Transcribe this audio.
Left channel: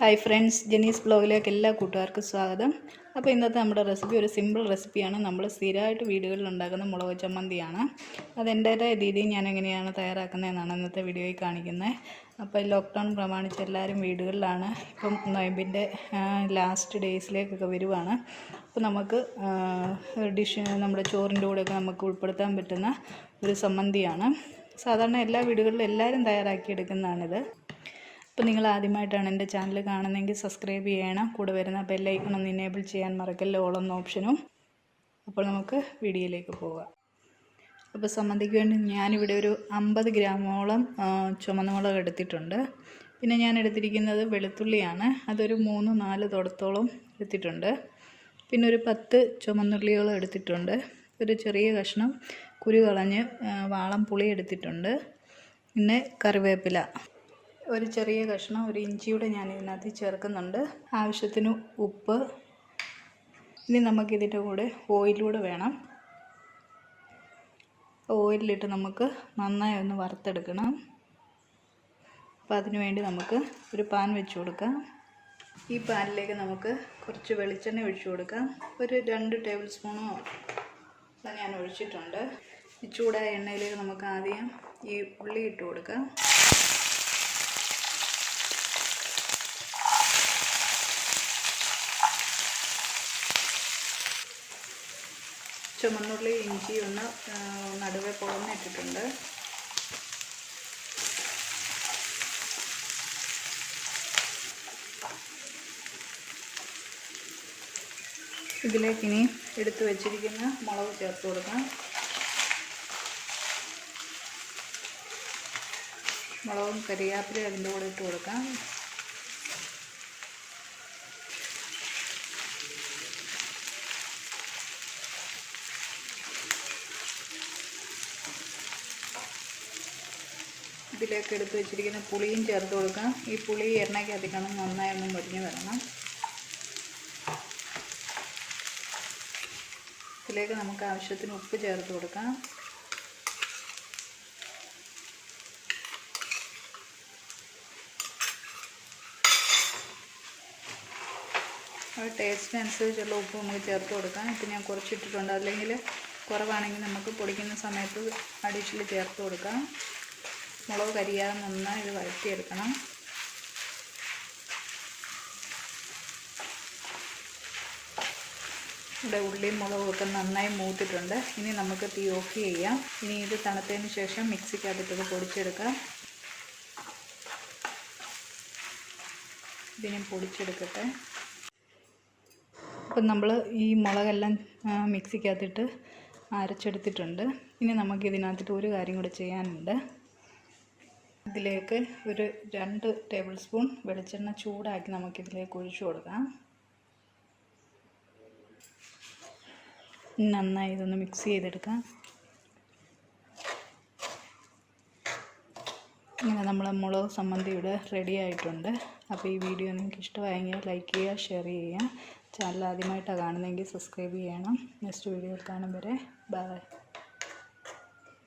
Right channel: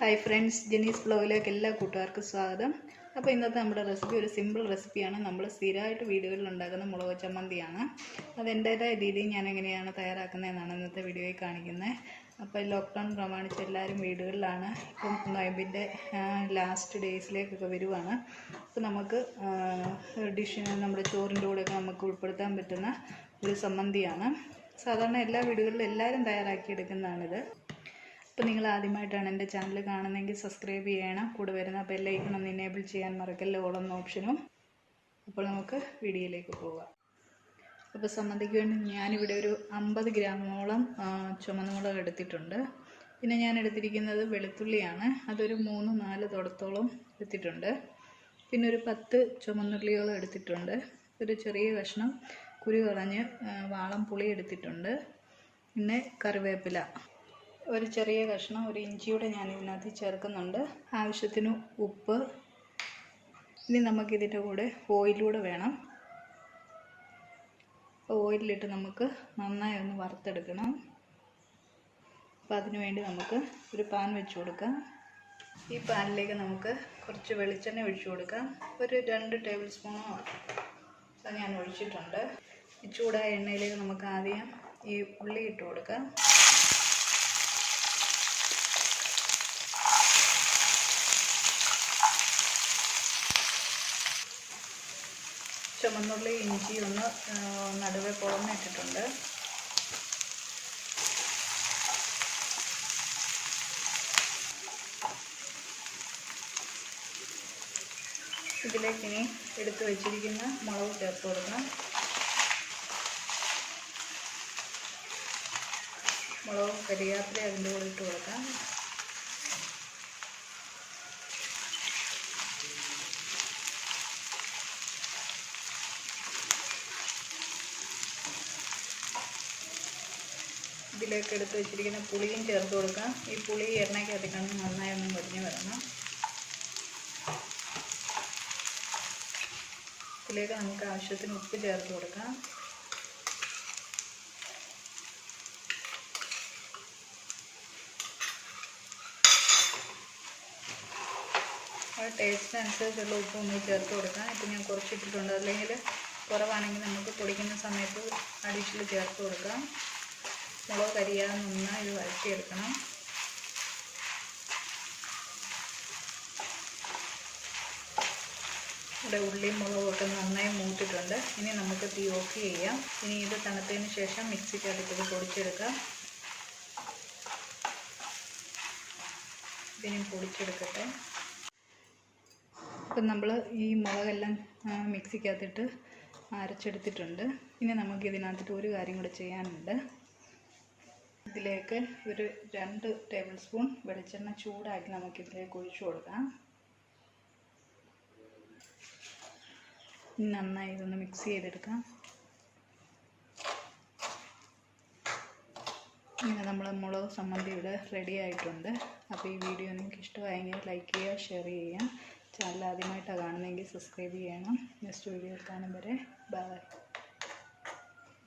Hi friends, ജെനീസ് ബ്ലോഗിലേക്ക് എല്ലാ കൂട്ടുകാർക്കും സ്വാഗതം. അപ്പോൾ ഇന്നത്തെ നമ്മുടെ റെസിപ്പി ഒരു സിമ്പിൾ റെസിപ്പിയാണ്. നമ്മൾ സ്ഥിരമായിട്ട് വീടുകളിൽ ഉണ്ടാക്കുന്ന മുളക് ചമ്മന്തിയാണ്. അതെൻ്റേതായ രീതിയിൽ ഞാൻ എങ്ങനെയാണ് തയ്യാറാക്കുന്നതെന്നാണ് ഇന്നത്തെ വീഡിയോയിൽ കാണിക്കുന്നത്. അപ്പോൾ ലോക്ക്ഡൗൺ പ്രമാണിച്ച് എല്ലാവരും വീടുകളിലാണ്. ഇപ്പം നോയമ്പിൻ്റെ ലാസ്റ്റ് ഡേയ്സിലേക്കൊക്കെ വരുവാണ്. അപ്പോൾ നമുക്ക് ഡിഷ് നമ്മുടെ ചോറിൻ്റെ കൂടെയൊക്കെ നമുക്ക് ഉൾപ്പെടുത്താൻ പറ്റുന്ന ഒരു ചമ്മന്തിയാണ്. സാധാരണ എല്ലാ വീടുകളിലും എല്ലാവരും തയ്യാറാക്കിയെടുക്കുന്നതാണിത്. അപ്പോൾ നിങ്ങൾ ആദ്യമായിട്ടാണ് എൻ്റെ ചാനൽ കാണുന്നതെങ്കിൽ സബ്സ്ക്രൈബ് ചെയ്യണം. കൂടെ വരുന്ന ബെല്ലൈക്കൺ ഒന്ന് എനേബിൾ ചെയ്യാൻ മറക്കല്ലേ, ഓൾ എന്ന ഓപ്ഷനും. അപ്പോൾ നമുക്ക് വീഡിയോയിലേക്ക് പോകാം. അപ്പോൾ ചമ്മന്തിക്ക് വേണ്ടി ഞാനിവിടെ ഒരു 50 ഗ്രാമോളം ചുമന്ന മുളക് എടുത്തിട്ടുണ്ട്. പിന്നെ ഞാൻ എടുത്തിരിക്കുന്നത് വെളുത്തുള്ളിയാണ്. അതൊരു 3-4 തുടത്തോളം എടുത്തിട്ടുണ്ട്. പിന്നെ ഒരു 10 ചുമന്നുള്ളികളും എടുത്തിട്ടുണ്ട്. ഒരു ചെറിയ കഷ്ണം കുരു കളഞ്ഞ് വാളം പുളി എടുത്തിട്ടുണ്ട്. പിന്നെ കറിവേപ്പില, ഒരു ചെറിയ കഷ്ണം ഒരു ഇഞ്ചിയുടെ ഞാൻ ഇതിനകത്ത് ചേർക്കുന്നുണ്ട്. ആവശ്യത്തിന് ഉപ്പ്. ഇനി നമുക്കിതിൻ്റെ കൂടെ ഓയിലൂടെ വേണം. ഓയിലിട്ട് നമുക്ക് നന്നായി ഒന്ന് വറുത്തെടുക്കണം. അപ്പോൾ അതിനു വേണ്ടി നമുക്ക് ഒരു പാൻ വെച്ച് കൊടുക്കാം. ഈ പാനിലേക്ക് നമുക്ക് കുറച്ച് വെളിച്ചെണ്ണ ഒഴിച്ചു കൊടുക്കാം. ഒരു 2 ടേബിൾ സ്പൂണോ ഞാൻ ഒഴിച്ചിട്ടുണ്ട്. ഈ ചൂടായ എണ്ണയിലേക്ക് നമുക്ക് ആദ്യം ഈ ഉള്ളി ഇട്ട് കൊടുക്കാം. ചുമന്നുള്ളി ഇഞ്ചി ഒന്ന് നടുവെ പൊളന്നിട്ടിട്ടുണ്ട്. ഇതിലേക്ക് ഇനി എടുത്തു വച്ചിരിക്കുന്ന മുളക് ചേർത്ത് കൊടുക്കാം. മുളകും കരിയാപ്പില അതിൻ്റെ കൂടെ ഇട്ട് കൊടുക്കാം. ഇതിലേക്ക് എടുത്ത് വെച്ചിരിക്കുന്ന പുളിയും ചേർത്ത് കൊടുക്കാം. ഈ പുളി എണ്ണയ്ക്കകത്തേക്കാണ് നന്നായി ഒന്ന് മുരിഞ്ഞ് വരണം. ഇതിലേക്ക് നമുക്ക് ആവശ്യത്തിന് ഉപ്പ് ചേർത്ത് കൊടുക്കാം. ടേസ്റ്റിനനുസരിച്ചുള്ള ഉപ്പ് നമുക്ക് ചേർത്ത് കൊടുക്കാം. ഇപ്പം ഞാൻ കുറച്ചിട്ടിട്ടുണ്ട്. അല്ലെങ്കിൽ കുറവാണെങ്കിൽ നമുക്ക് പൊടിക്കുന്ന സമയത്ത് അഡീഷണൽ ചേർത്ത് കൊടുക്കാം. മുളക് കരിയാതെ നന്നായി ഇത് വഴറ്റിയെടുക്കണം. ഇവിടെ ഉള്ളിയും മുളകും ഒക്കെ നന്നായി മൂത്തിട്ടുണ്ട്. ഇനി നമുക്ക് തീ ഓഫ് ചെയ്യാം. ഇനി ഇത് തണുത്തതിന് ശേഷം മിക്സിക്കകത്തിട്ട് പൊടിച്ചെടുക്കാം. ഇതിനെ പൊടിച്ചെടുക്കട്ടെ. അപ്പം നമ്മൾ ഈ മുളകെല്ലാം മിക്സിക്കകത്തിട്ട് അരച്ചെടുത്തിട്ടുണ്ട്. ഇനി നമുക്കിതിനകത്തിട്ട് ഒരു കാര്യം കൂടെ ചെയ്യാനുണ്ട്. ഇതിലേക്ക് ഒരു 2 ടേബിൾ സ്പൂൺ വെളിച്ചെണ്ണ ചൂടാക്കി നമുക്കിതിലേക്ക് ഒഴിച്ചു കൊടുക്കാം. നന്നായി ഇതൊന്ന് മിക്സ് ചെയ്തെടുക്കാം. ഇങ്ങനെ നമ്മളെ മുളക് ചമ്മന്തി ഇവിടെ റെഡി ആയിട്ടുണ്ട്. അപ്പോൾ ഈ വീഡിയോ നിങ്ങൾക്ക് ഇഷ്ടമായെങ്കിൽ ലൈക്ക് ചെയ്യുക, ഷെയർ ചെയ്യുക. ചാനൽ ആദ്യമായിട്ടാണ് കാണുന്നതെങ്കിൽ സബ്സ്ക്രൈബ് ചെയ്യണം. നെക്സ്റ്റ് വീഡിയോയിൽ കാണും വരെ ബൈ.